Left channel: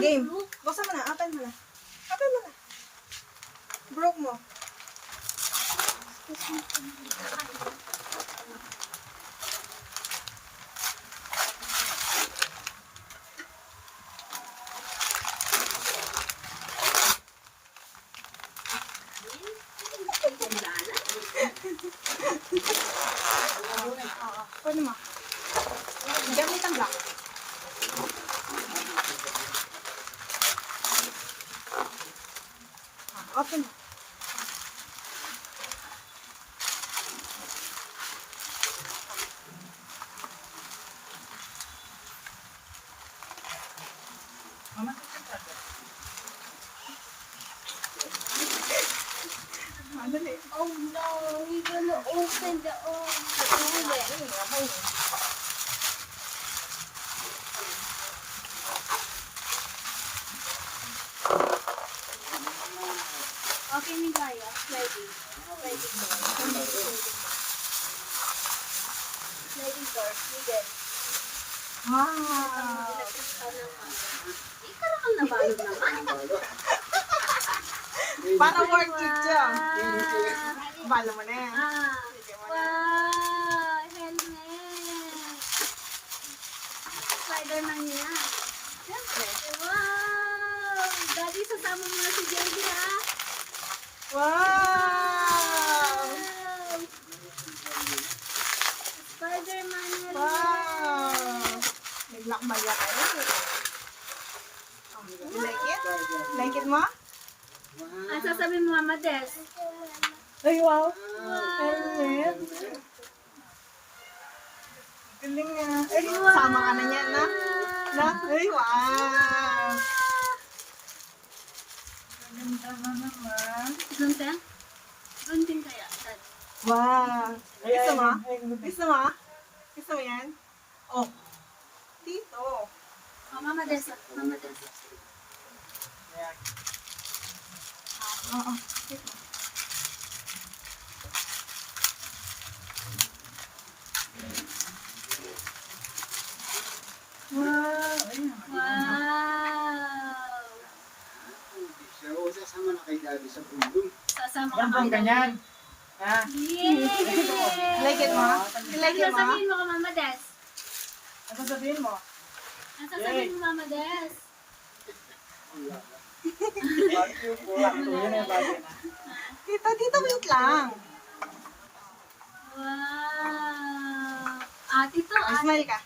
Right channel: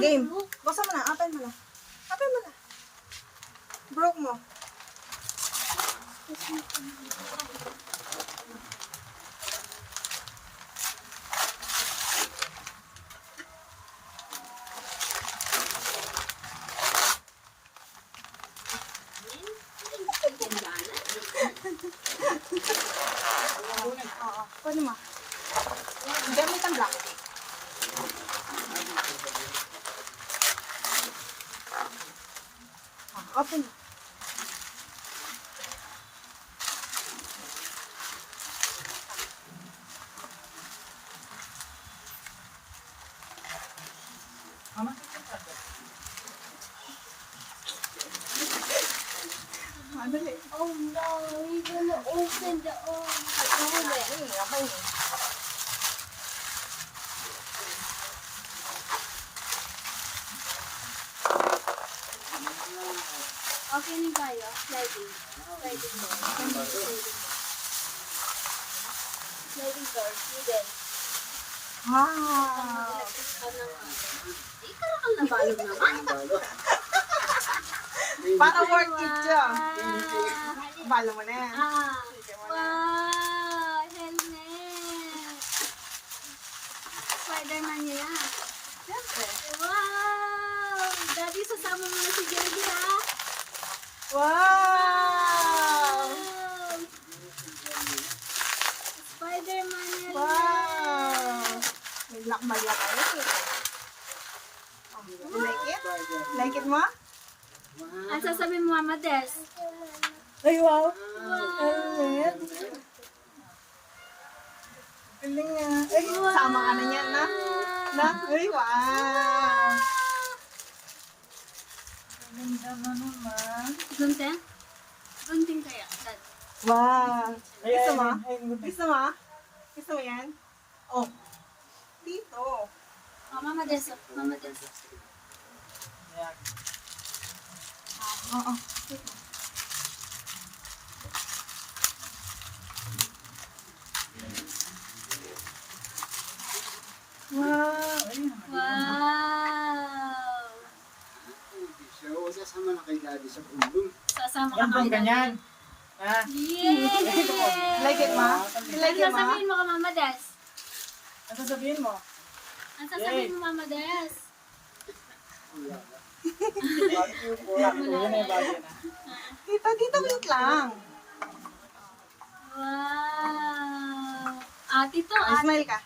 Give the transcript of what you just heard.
game. Buksan mo na. Open mo na. Open mo na. Broke mo. Oo. Kunin mo. Gamit ang black. Open mo. Madali. Oh no, we're gonna open the Okay na tayo. Sliding. Sliding door. Middle. Wow. Ikaw ang nabalo naman. Parang more kids yun. Balo mo na. Wow! Helmet! Spider-Man niya. Siyempre. Wow! Daddy, sasama mo na si Jelly, ha? Wow! Spider-Man niya. Wow! May black bag ka rin. You like it? Like it mo? Ang sasabihin mo, Mama Des? Ay, wow! Helmet! Galing nga. Ay, sama ka na niyan, na? Na? Ay, wow! Ganda na naman. Doon, Te? Doon din kaya, Dad. Wow! Gusto mo? Gusto mo? Gusto mo yan? Oh! Dito! Oh, Mama Des. Mama Des. Oo. Wow! Wow! Siya, sasama na kay Daddy sa bundong. Sasama Yan ka bang kay ganyan? Ha? Yay! Like it mo? Like it Ano mo? sasabihin mo ka, Mama Des? Ano sabihin mo? Ano sasabihin mo, Mama Des? Yan yung bagay na. Dito, wait lang. Wow! Tito, Smile ka.